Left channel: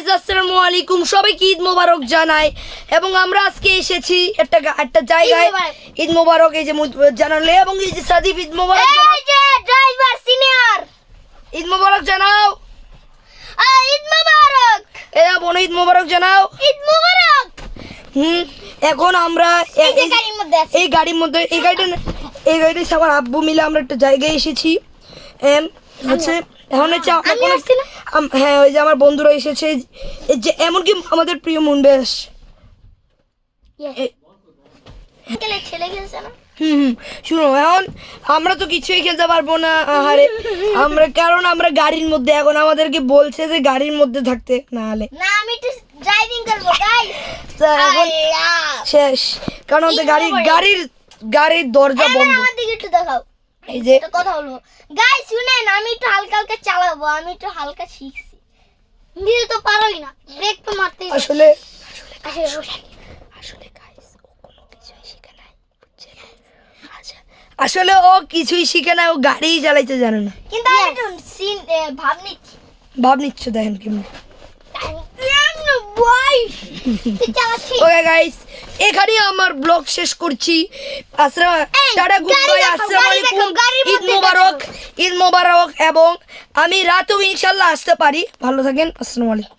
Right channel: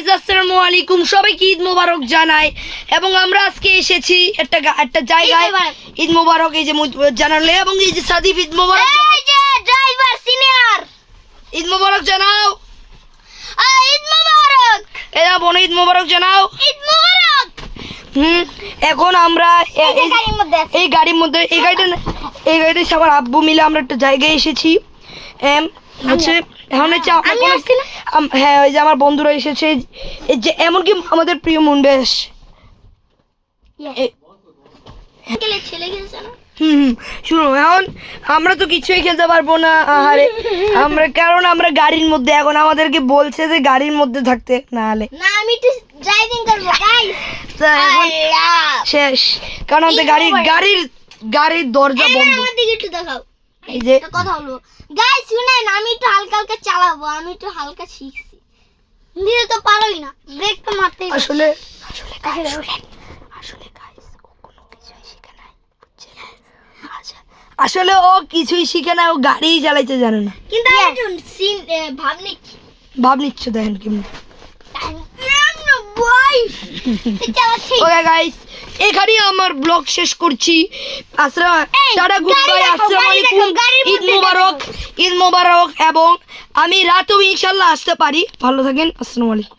Guys আসসালামু আলাইকুম, সবাইকে ঈদ মোবারক জানাই। এবং আমরা আজকে এসেছি একটা জায়গায়। ঈদ মোবারক এই যে জানালে, এবং এই যে সাদিফ ঈদ মোবারক, এই যে ড্রাইভার সিনিয়র ঈদ মোবারক জানাও। ঈদ মোবারক, এরা বোন ঈদ মোবারক জানাও। ঈদ মোবারক। এখন আমরা গাড়ির মধ্যে আছি। এই গাড়ির মধ্যে এই গাড়িটা সবার আব্বু মিলে আমরা একটা জায়গায় এসেছি। হচ্ছে এখন হচ্ছে আমি আসছি না? হ্যাঁ, ওই যে আমার বন্ধুরা এসেছে, এই যে এমনকি আমাদের প্রিয় মুন্ডেশ। ছেলে গেছে না? শুনো, এখন আমরা তো কিছুই খেলতে পারবো না, কারণ আমরা গাড়ির মধ্যে, এখন আমাদেরকে বলছে যে গাড়ির মধ্যে থাকতে, না হলে না, আমি একটু ড্রাইভিং করব গাইস। এখন শেষ, কারণ আমাদের গাড়ির দরজা বন্ধ। আমার দিকে একটু দেখাও। এই যে একটা কথা বলবো গাইস, শুনেন, আমি একটু হালকা হালকা চালাবো, আমি একটু হালকা শিখছি। নিজে তো পারোই না, ব্রেক তো মারতেই পারো। আসলে আসলে আসলে ও কিছুই শিখে না, ও গাড়ি চালাইতে জানে না। কিন্তু আমি একটু ভাব নিচ্ছি। ভাব নিচ্ছ, দেখেন কেমন। ওকে গাইস, এখানেই আমার ব্লগ শেষ করছি। টাটা, গুড বাই, আসসালামু আলাইকুম, ঈদ মোবারক। এবং আমি রাতেও ইনশাল্লাহ আসতে পারি। ভালো থাকেন, আসসালামু আলাইকুম।